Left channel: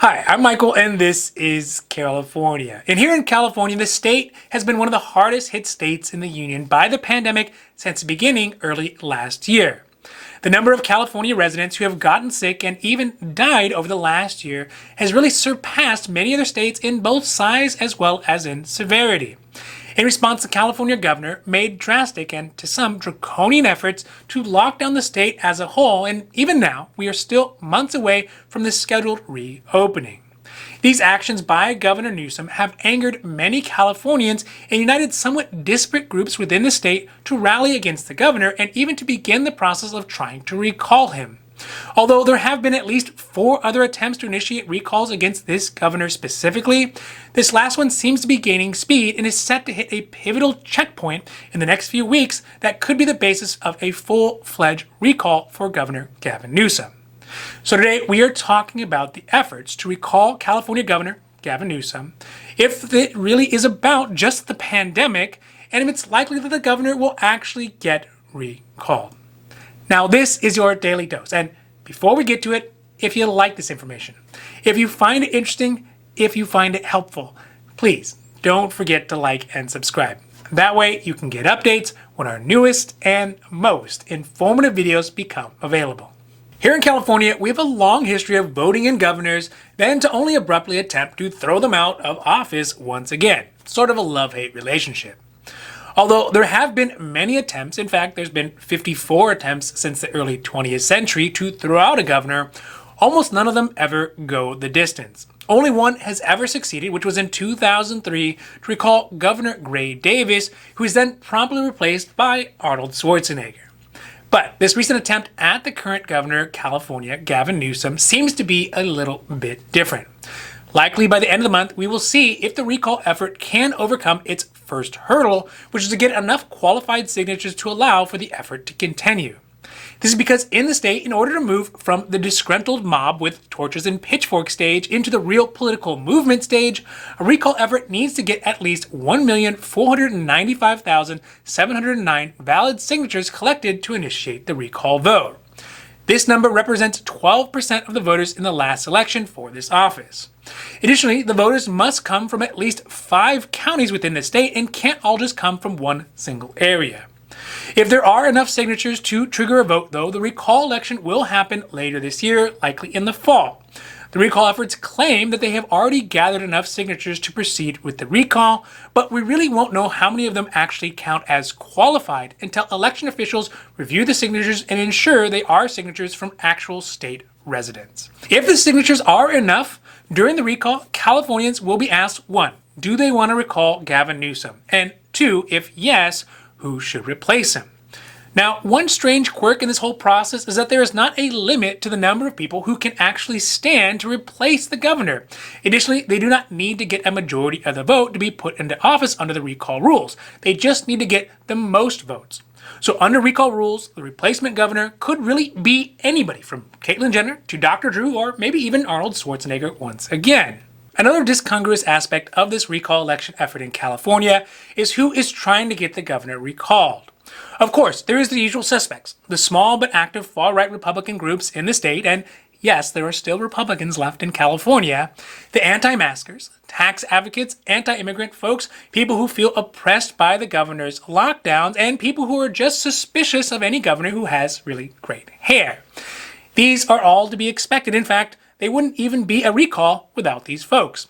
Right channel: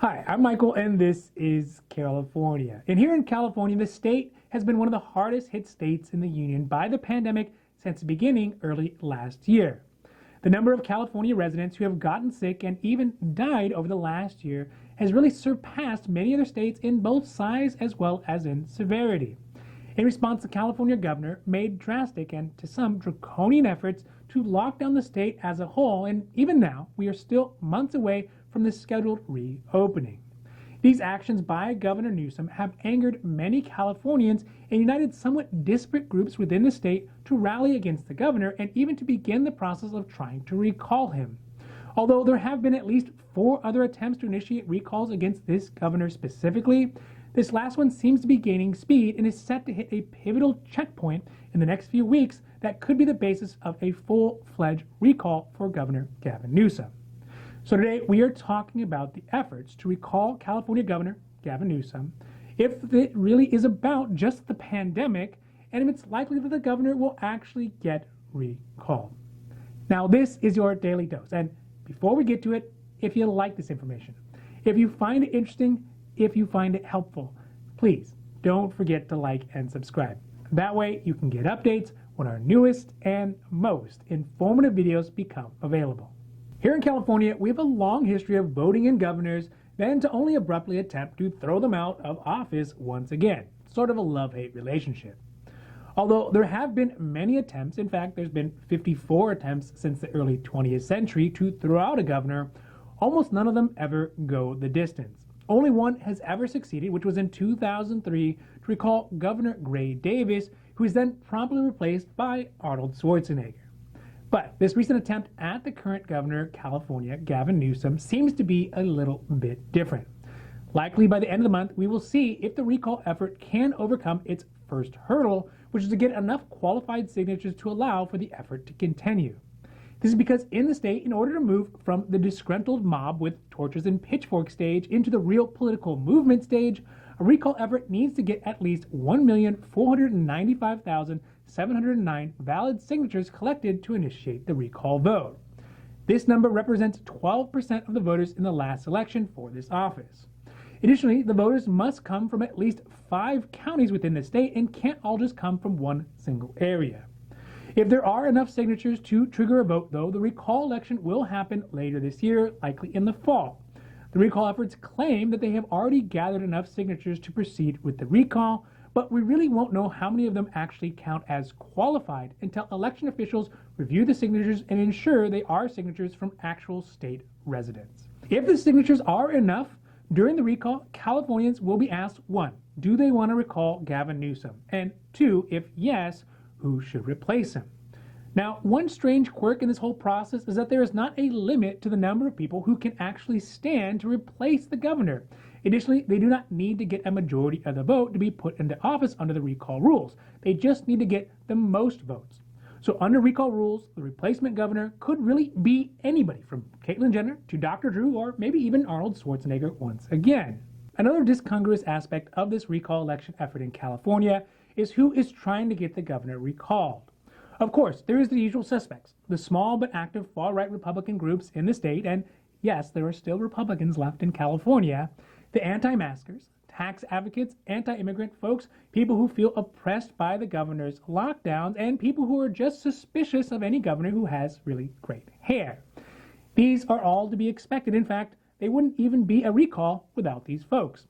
Hi, I'm Michael, and this is California. And here in California, the state has been one of the hardest hit states in the union by the pandemic since the beginning early last year. The number of California residents who have gotten sick and even died over the last year has really surpassed many other states in both size as well as in severity. In response, the California governor made drastic and to some draconian efforts to lock down the state as a whole, and even now, we are still months away from the scheduled reopening. These actions by Governor Newsom have angered many Californians and united somewhat disparate groups within the state to rally against the governor and even to begin the process of trying to recall him. Although there have been at least 4 other attempts to initiate recalls against this governor specifically, this last one seems to be gaining speed and is set to hit a pivotal checkpoint in the next few weeks that could be the basis of a full-fledged recall for Governor Gavin Newsom. So today we are talking about the efforts to recall California Governor Gavin Newsom, if it really is about just the pandemic, and if it's likely that the governor will actually get recalled. Now, this is your daily dose. And before we get to it, if you like this information, if you find it interesting, if you find it helpful, please don't forget to like and subscribe. That way you can get updates when our newest and most informative videos become available. Here in California, we have a long history of voting in governors, then to only abruptly attempt to throw them out of office once again. Sort of a love-hate relationship. Although there have been many attempts, in fact, there's been 54 attempts since the early 20th century to throw out a governor, almost none of them ever go the distance. Only one has ever succeeded, which was in 2003 to recall Governor Gray Davis, who was then promptly replaced by Arnold Schwarzenegger. But this recent attempt at the current governor of California, Gavin Newsom, seems to be a little bit different. Likely by the end of the month, we will see if the recall effort can overcome its first hurdle, which is to get enough qualified signatures to allow for the effort to continue. This is because in the state, in order to move from the disgruntled mob with torches and pitchforks stage into the real political movement stage, a recall effort needs to get at least 1,495,709 valid signatures collected to initiate the recall vote. This number represents 12% of the voters in the last election for this office. Additionally, the voters must come from at least 5 counties within the state and can't all just come from one single area. If there are enough signatures to trigger a vote, though, the recall election will happen later this year, likely in the fall. The recall efforts claim that they have already gathered enough signatures to proceed with the recall, but we really won't know how many of them actually count as qualified until election officials review the signatures and ensure they are signatures from actual state residents. If the signatures are enough, during the recall, Californians will be asked, 1, do they want to recall Gavin Newsom? And 2, if yes, who should replace him? Now, one strange quirk in this whole process is that there is not a limit to the number of people who can actually stand to replace the governor. Additionally, they do not need to get a majority of the vote to be put into office under the recall rules. They just need to get the most votes. So under recall rules, the replacement governor could really be anybody from Caitlyn Jenner to Dr. Drew or maybe even Arnold Schwarzenegger once again. Another discongruous aspect of this recall election effort in California is who is trying to get the governor recalled. Of course, there is the usual suspects, the small but active far-right Republican groups in the state, and yes, there are still Republicans left in California, the anti-maskers, tax advocates, anti-immigrant folks, people who feel oppressed by the governor's lockdowns, and people who are just suspicious of any governor who has really great hair. These are all to be expected. In fact, they wouldn't even be a recall without these folks.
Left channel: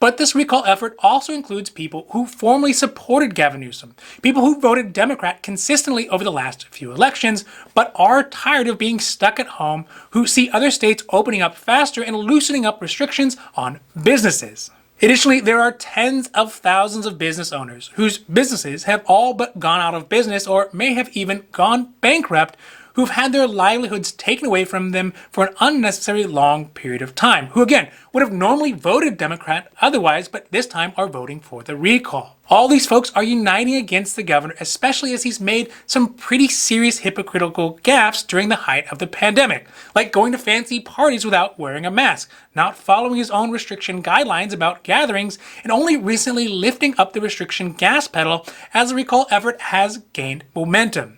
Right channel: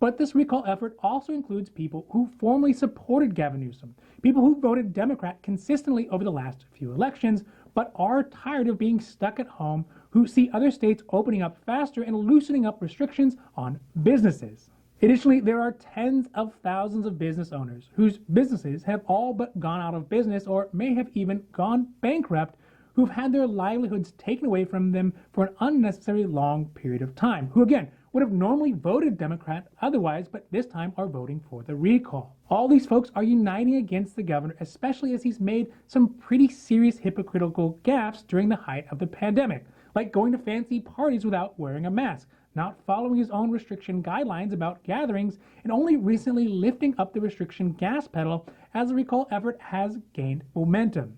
But this recall effort also includes people who formerly supported Gavin Newsom, people who voted Democrat consistently over the last few elections, but are tired of being stuck at home, who see other states opening up faster and loosening up restrictions on businesses. Additionally, there are tens of thousands of business owners whose businesses have all but gone out of business or may have even gone bankrupt, who've had their livelihoods taken away from them for an unnecessarily long period of time, who again would have normally voted Democrat otherwise, but this time are voting for the recall. All these folks are uniting against the governor, especially as he's made some pretty serious hypocritical gaffes during the height of the pandemic, like going to fancy parties without wearing a mask, not following his own restriction guidelines about gatherings, and only recently lifting up the restriction gas pedal as the recall effort has gained momentum.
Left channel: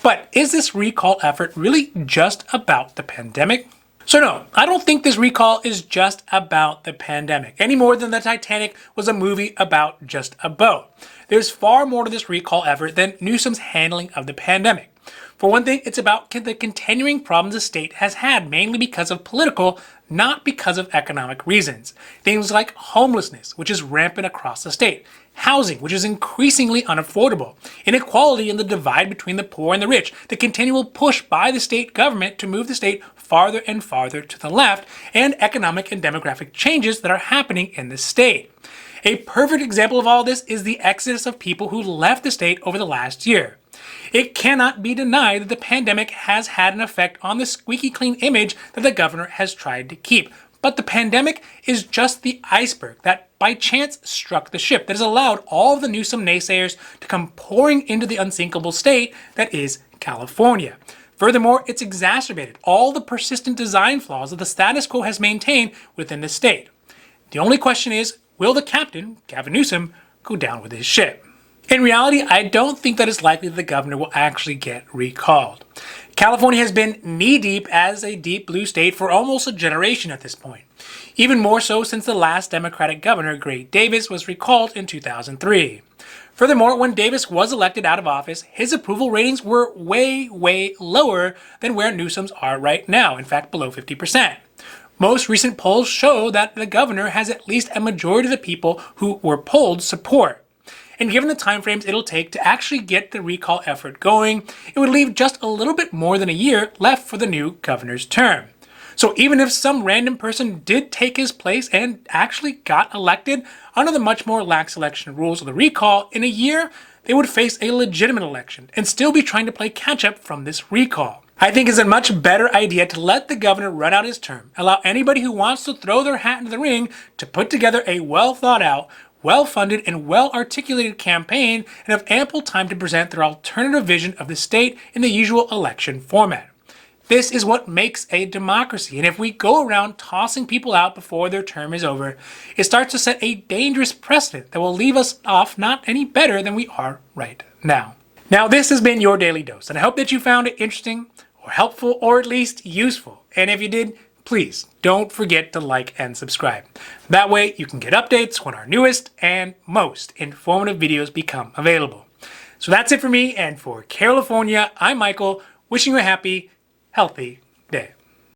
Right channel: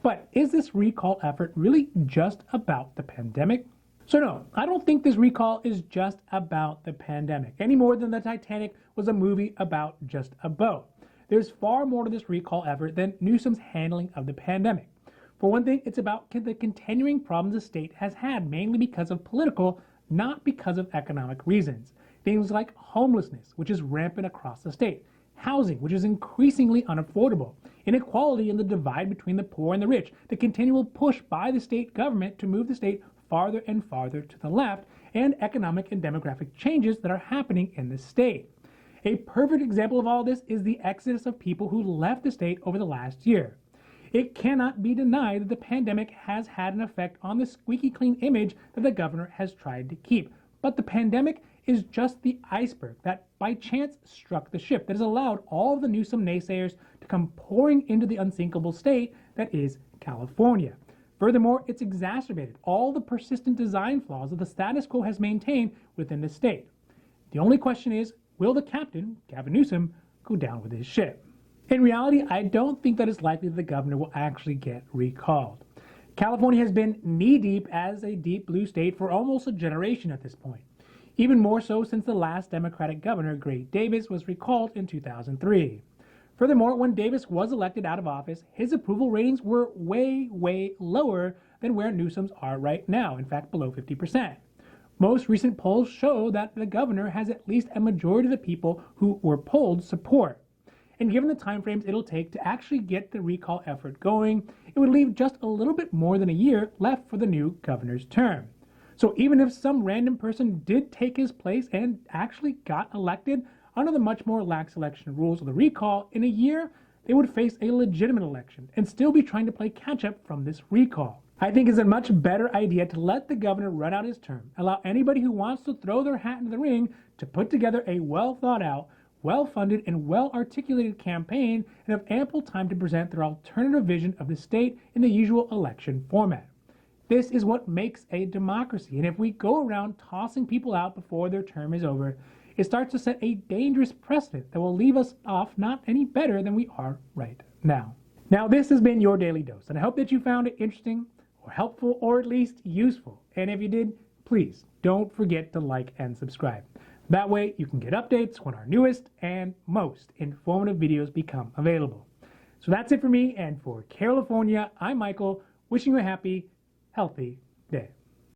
But is this recall effort really just about the pandemic? So no, I don't think this recall is just about the pandemic, any more than the Titanic was a movie about just a boat. There's far more to this recall effort than Newsom's handling of the pandemic. For one thing, it's about the continuing problems the state has had, mainly because of political, not because of economic reasons. Things like homelessness, which is rampant across the state, housing, which is increasingly unaffordable, inequality and the divide between the poor and the rich, the continual push by the state government to move the state farther and farther to the left, and economic and demographic changes that are happening in the state. A perfect example of all this is the exodus of people who left the state over the last year. It cannot be denied that the pandemic has had an effect on the squeaky clean image that the governor has tried to keep. But the pandemic is just the iceberg that by chance struck the ship that has allowed all of the Newsom naysayers to come pouring into the unsinkable state that is California. Furthermore, it's exacerbated all the persistent design flaws that the status quo has maintained within the state. The only question is, will the captain, Gavin Newsom, go down with his ship? In reality, I don't think that it's likely that the governor will actually get recalled. California has been knee-deep as a deep blue state for almost a generation at this point. Even more so since the last Democratic governor, Gray Davis, was recalled in 2003. Furthermore, when Davis was elected out of office, his approval ratings were way, way lower than where Newsom's are right now, in fact below 50%. Most recent polls show that the governor has at least a majority of the people who were polled support. And given the timeframes it'll take to actually get the recall effort going, it would leave just a little bit more than a year left for the new governor's term. So even if some random person did take his place and actually got elected under the much more lax election rules of the recall, in a year, they would face a legitimate election and still be trying to play catch-up from this recall. I think it's a much better idea to let the governor run out his term, allow anybody who wants to throw their hat into the ring to put together a well-thought-out, well-funded, and well-articulated campaign and have ample time to present their alternative vision of the state in the usual election format. This is what makes a democracy, and if we go around tossing people out before their term is over, it starts to set a dangerous precedent that will leave us off not any better than we are right now. Now, this has been your Daily Dose, and I hope that you found it interesting or helpful or at least useful. And if you did, please don't forget to like and subscribe. That way you can get updates when our newest and most informative videos become available. So that's it for me, and for California, I'm Michael, wishing you a happy, healthy day.